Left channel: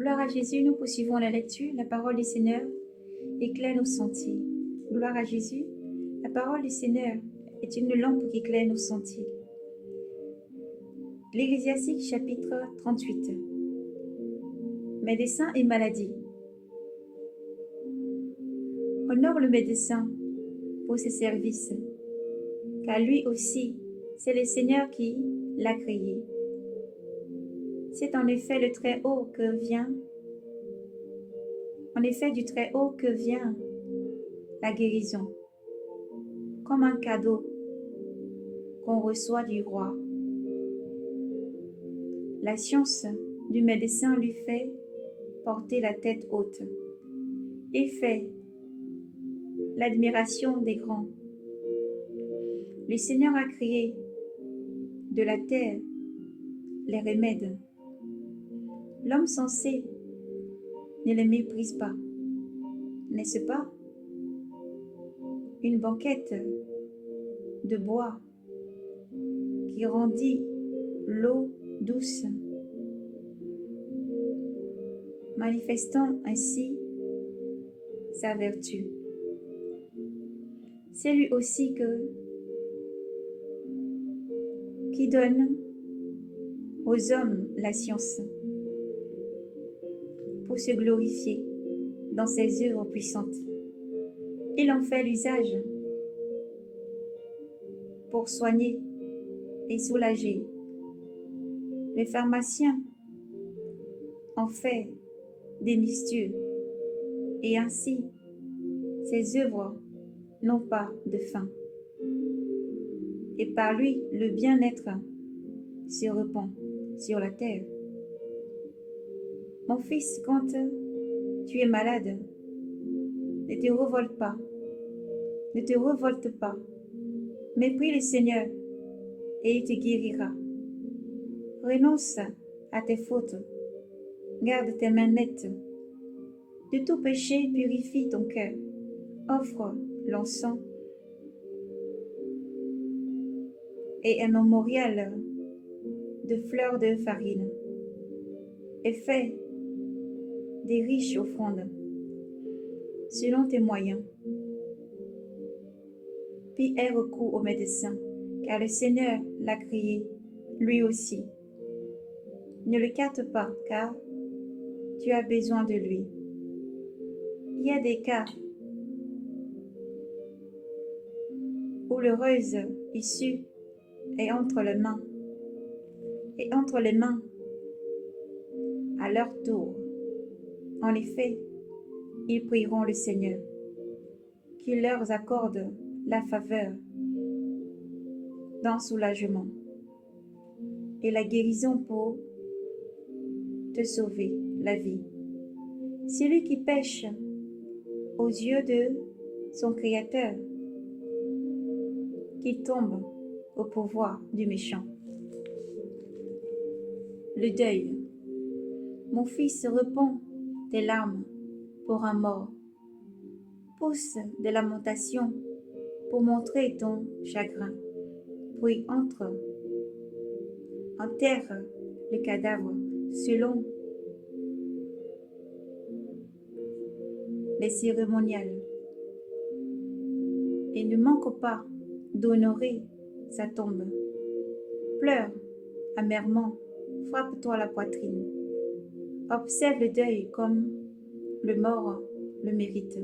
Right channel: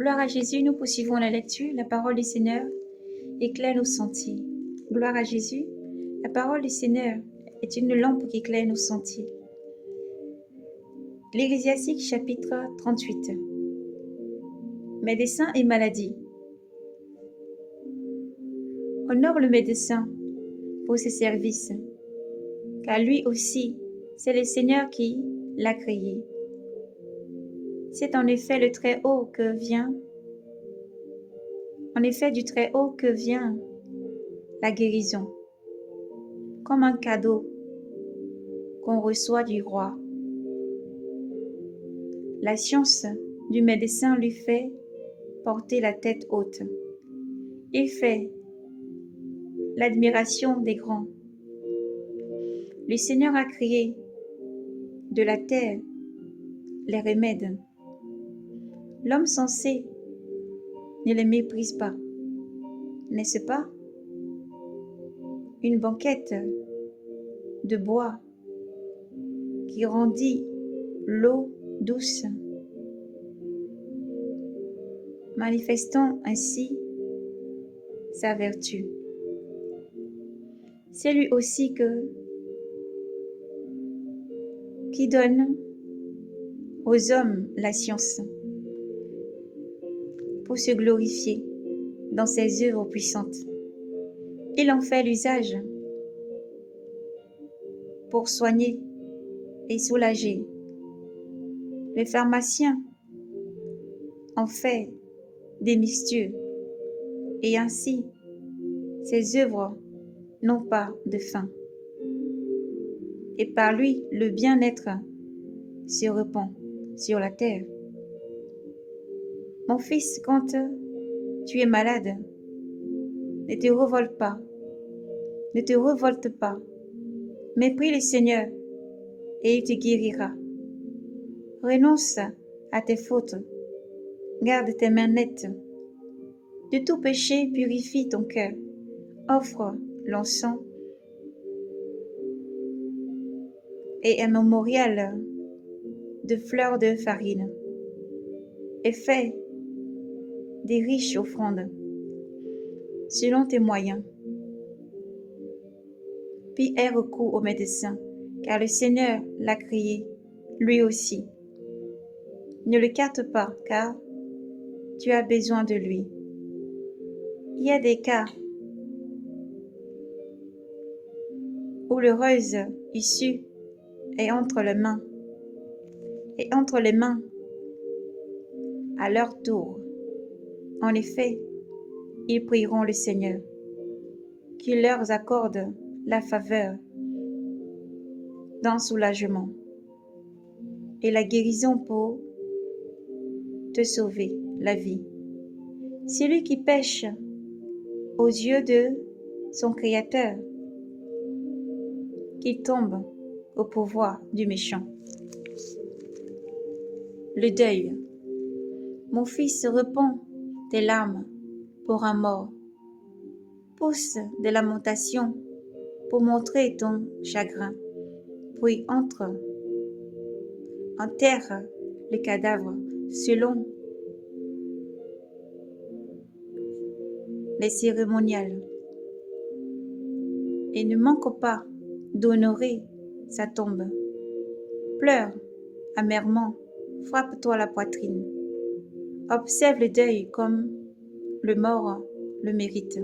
Gloire à Jésus, nous poursuivons la lecture. La parole du Seigneur éclaire nos sentiers. Gloire à Jésus, la parole du Seigneur est une lampe qui éclaire nos sentiers. L'Ecclésiastique chapitre 38. Médecin et maladie. Honore le médecin pour ses services, car lui aussi, c'est le Seigneur qui l'a créé. C'est en effet du Très-Haut que vient la guérison, comme un cadeau qu'on reçoit du roi. La science du médecin lui fait porter la tête haute. Il fait l'admiration des grands. Le Seigneur a créé de la terre les remèdes. L'homme sensé ne les méprise pas, n'est-ce pas? Une banquette de bois qui rendit l'eau douce, manifestant ainsi sa vertu. C'est lui aussi qui donne aux hommes la science pour se glorifier dans ses œuvres puissantes. Il en fait l'usage pour soigner et soulager. Les pharmaciens en fait des mixtures et ainsi ses œuvres n'ont pas de fin. Et par lui, le bien-être se répand sur la terre. Mon fils, quand tu es malade, ne te révolte pas, mais prie le Seigneur et il te guérira. Renonce à tes fautes, garde tes mains nettes. De tout péché, purifie ton cœur, offre l'encens et un mémorial de fleurs de farine et fais des riches offrandes selon tes moyens. Puis aie recours au médecin, car le Seigneur l'a créé, lui aussi. Ne le carte pas, car tu as besoin de lui. Il y a des cas où l'heureuse issue est entre les mains, à leur tour. En effet, ils prieront le Seigneur, qu'il leur accorde la faveur d'un soulagement et la guérison pour te sauver la vie. Celui qui pêche aux yeux de son Créateur, qui tombe au pouvoir du méchant. Le deuil. Mon fils, répand tes larmes pour un mort. Pousse des lamentations pour montrer ton chagrin. Puis enterre le cadavre selon les cérémoniales. Et ne manque pas d'honorer sa tombe. Pleure amèrement, frappe-toi la poitrine. Observe le deuil comme le mort le mérite.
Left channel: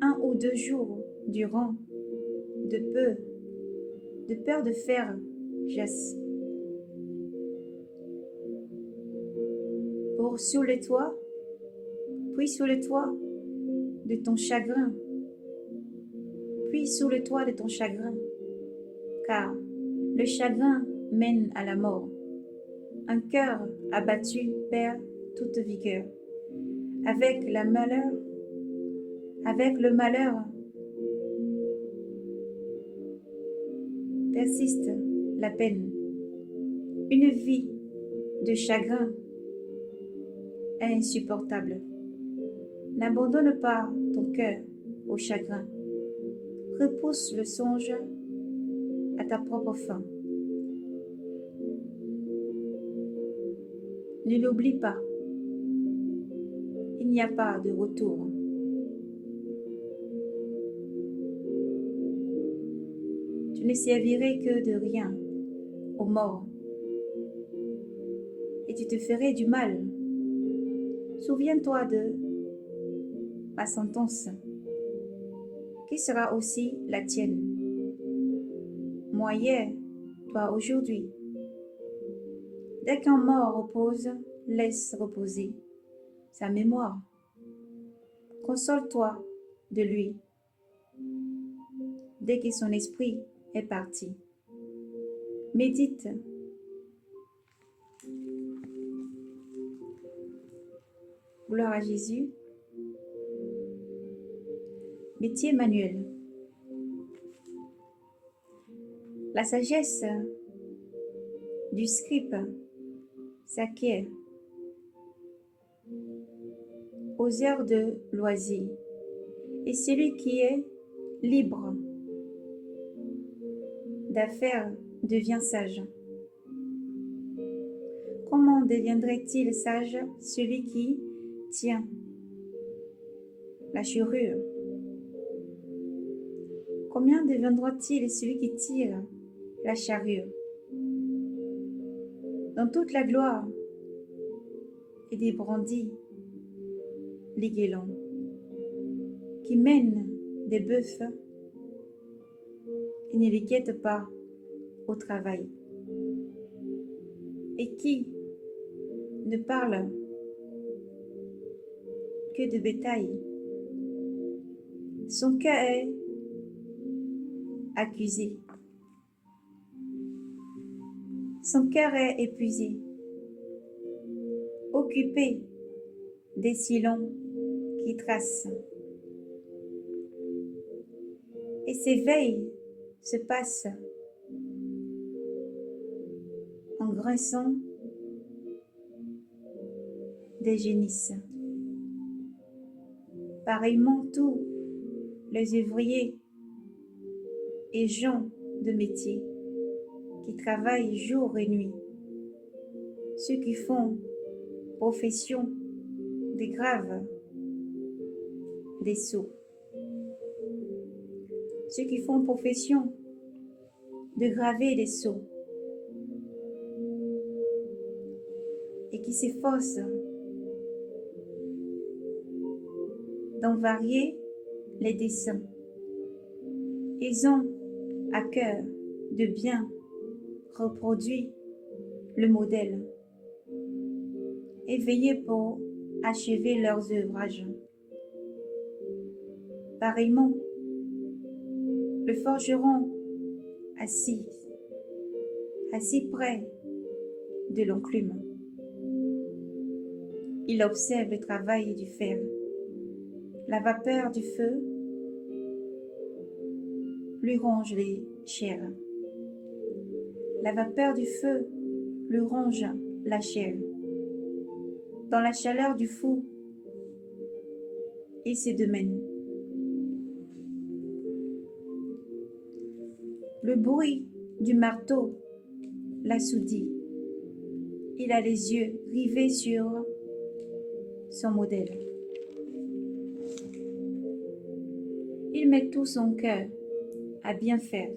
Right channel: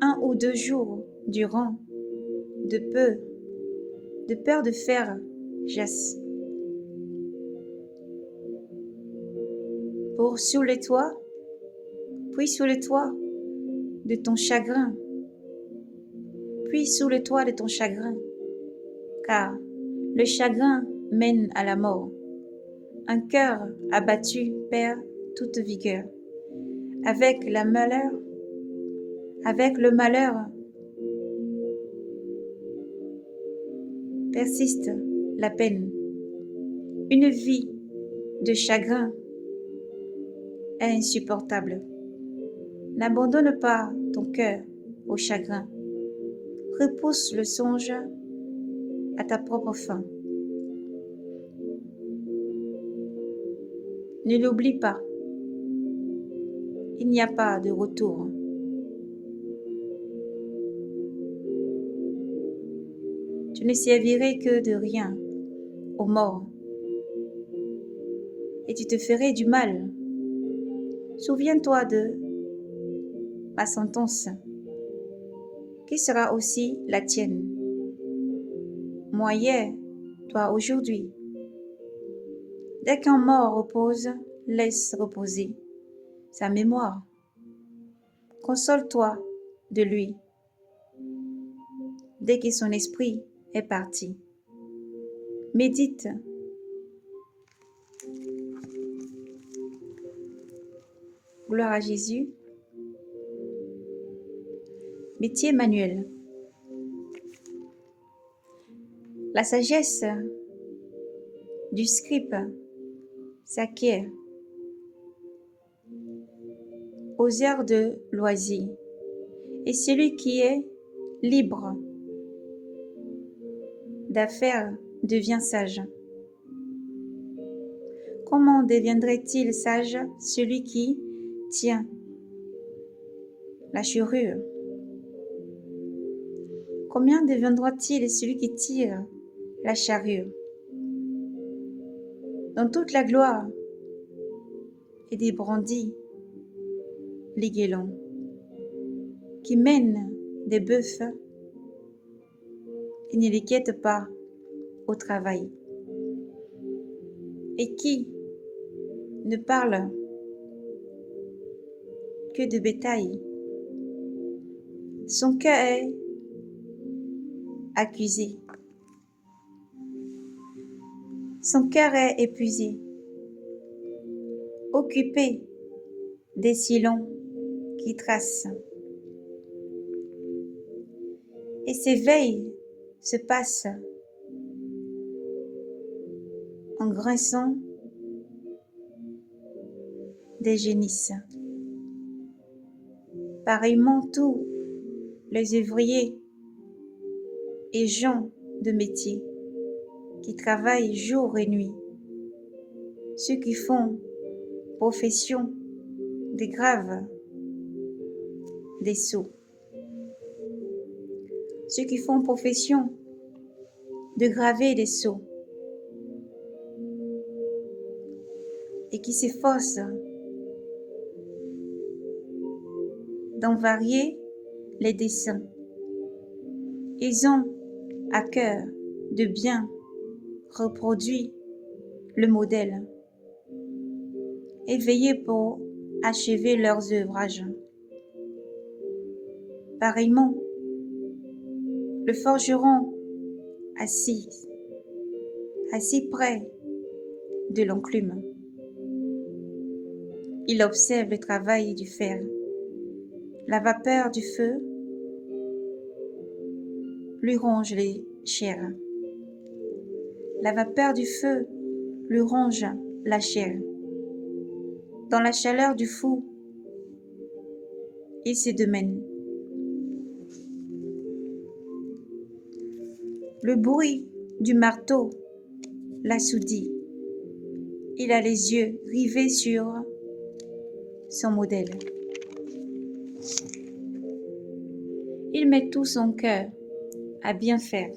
1 ou 2 jours durant, de peur de faire jasse. Pour sous le toit de ton chagrin, car le chagrin mène à la mort. Un cœur abattu perd toute vigueur. Avec le malheur persiste la peine. Une vie de chagrin est insupportable. N'abandonne pas ton cœur au chagrin. Repousse le songe à ta propre fin. Ne l'oublie pas. Il n'y a pas de retour. Tu ne servirais que de rien aux morts et tu te ferais du mal. Souviens-toi de ma sentence, qui sera aussi la tienne. Moi hier, toi aujourd'hui. Dès qu'un mort repose, laisse reposer sa mémoire. Console-toi de lui, dès que son esprit est parti. Médite. Gloire à Jésus. Métier manuel. La sagesse du scribe s'acquiert aux heures de loisir, et celui qui est libre d'affaires devient sage. Comment deviendrait-il sage celui qui tient la charrue? Combien deviendra-t-il celui qui tire la charrue? Dans toute la gloire et des brandis, les guélons qui mènent des bœufs et ne les guettent pas au travail, et qui ne parle que de bétail. Son cœur est accusé. Son cœur est épuisé, occupé des sillons qui tracent. Et ses veilles se passent en grinçant des génisses. Pareillement, tous les ouvriers et gens de métier qui travaillent jour et nuit, ceux qui font profession des graves, des sots, ceux qui font profession de graver des sceaux et qui s'efforcent d'en varier les dessins. Ils ont à cœur de bien reproduire le modèle et veiller pour achever leurs ouvrages. Pareillement, le forgeron assis près de l'enclume, il observe le travail du fer. La vapeur du feu lui ronge les chairs. La vapeur du feu lui ronge la chair. Dans la chaleur du feu, il se démène. Le bruit du marteau l'assourdit. Il a les yeux rivés sur son modèle. Il met tout son cœur à bien faire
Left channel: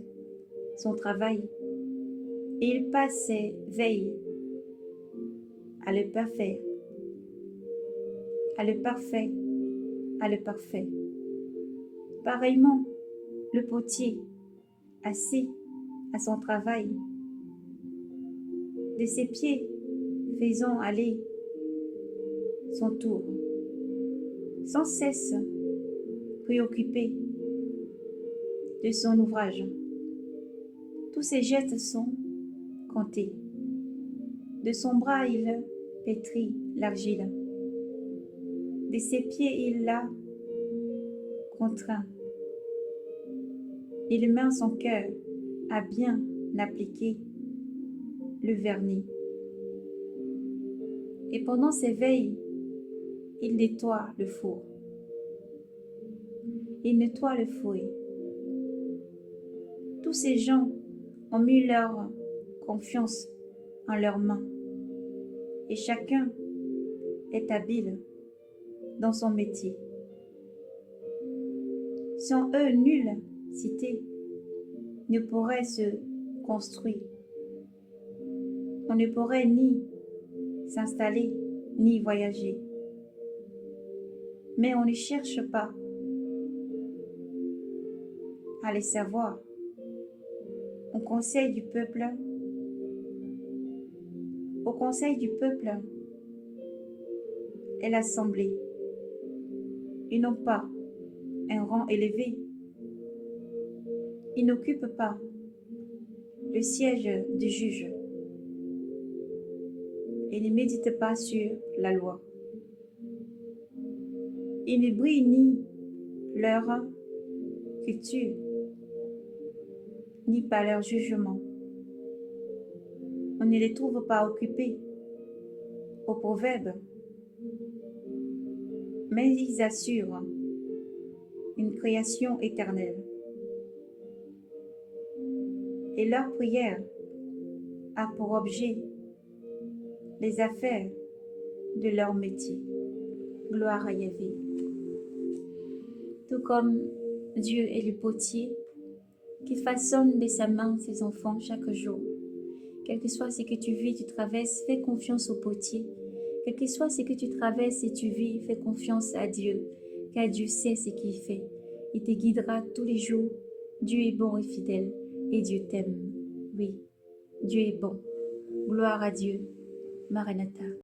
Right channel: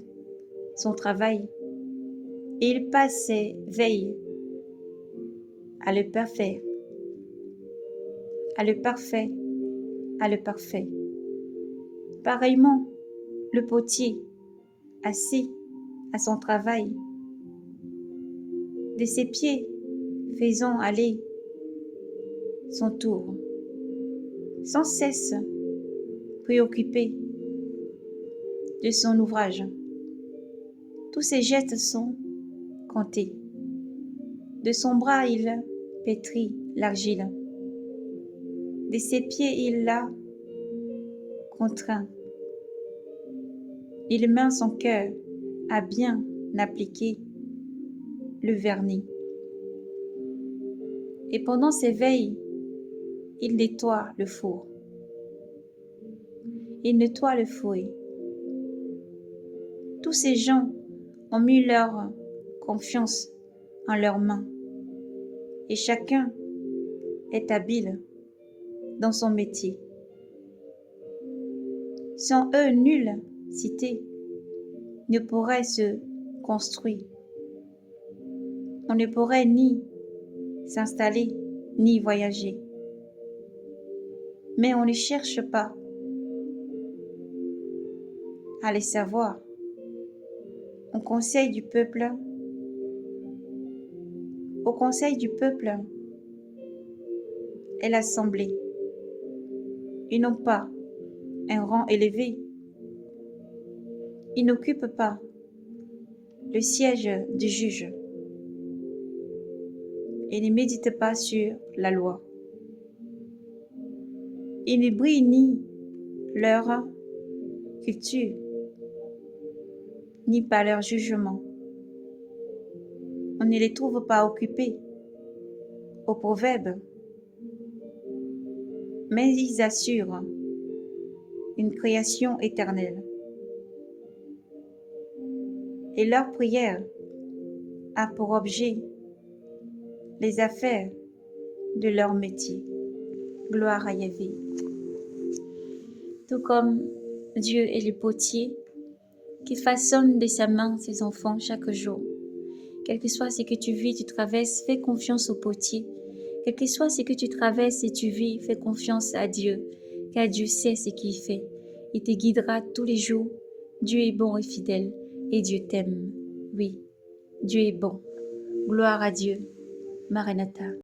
son travail et il passe ses veilles à le parfait, à le parfait, à le parfait. Pareillement, le potier, assis à son travail, de ses pieds faisant aller son tour, sans cesse préoccupé de son ouvrage. Tous ses gestes sont comptés. De son bras, il pétrit l'argile. De ses pieds, il la contraint. Il met son cœur à bien appliquer le vernis. Et pendant ses veilles, il nettoie le four. Il nettoie le fouet. Tous ces gens ont mis leur confiance en leurs mains et chacun est habile dans son métier. Sans eux, nulle cité ne pourrait se construire. On ne pourrait ni s'installer, ni voyager. Mais on ne cherche pas à les savoir. Au conseil du peuple, est l'assemblée. Ils n'ont pas un rang élevé. Ils n'occupent pas le siège du juge et ne méditent pas sur la loi. Ils ne brillent ni leur culture, ni par leur jugement. On ne les trouve pas occupés aux proverbes, mais ils assurent une création éternelle. Et leur prière a pour objet les affaires de leur métier. Gloire à Yahvé. Tout comme Dieu est le potier qui façonne de sa main ses enfants chaque jour. Quel que soit ce que tu vis, tu traverses, fais confiance au potier. Quel que soit ce que tu traverses et tu vis, fais confiance à Dieu, car Dieu sait ce qu'il fait. Il te guidera tous les jours. Dieu est bon et fidèle, et Dieu t'aime. Oui, Dieu est bon. Gloire à Dieu. Maranatha.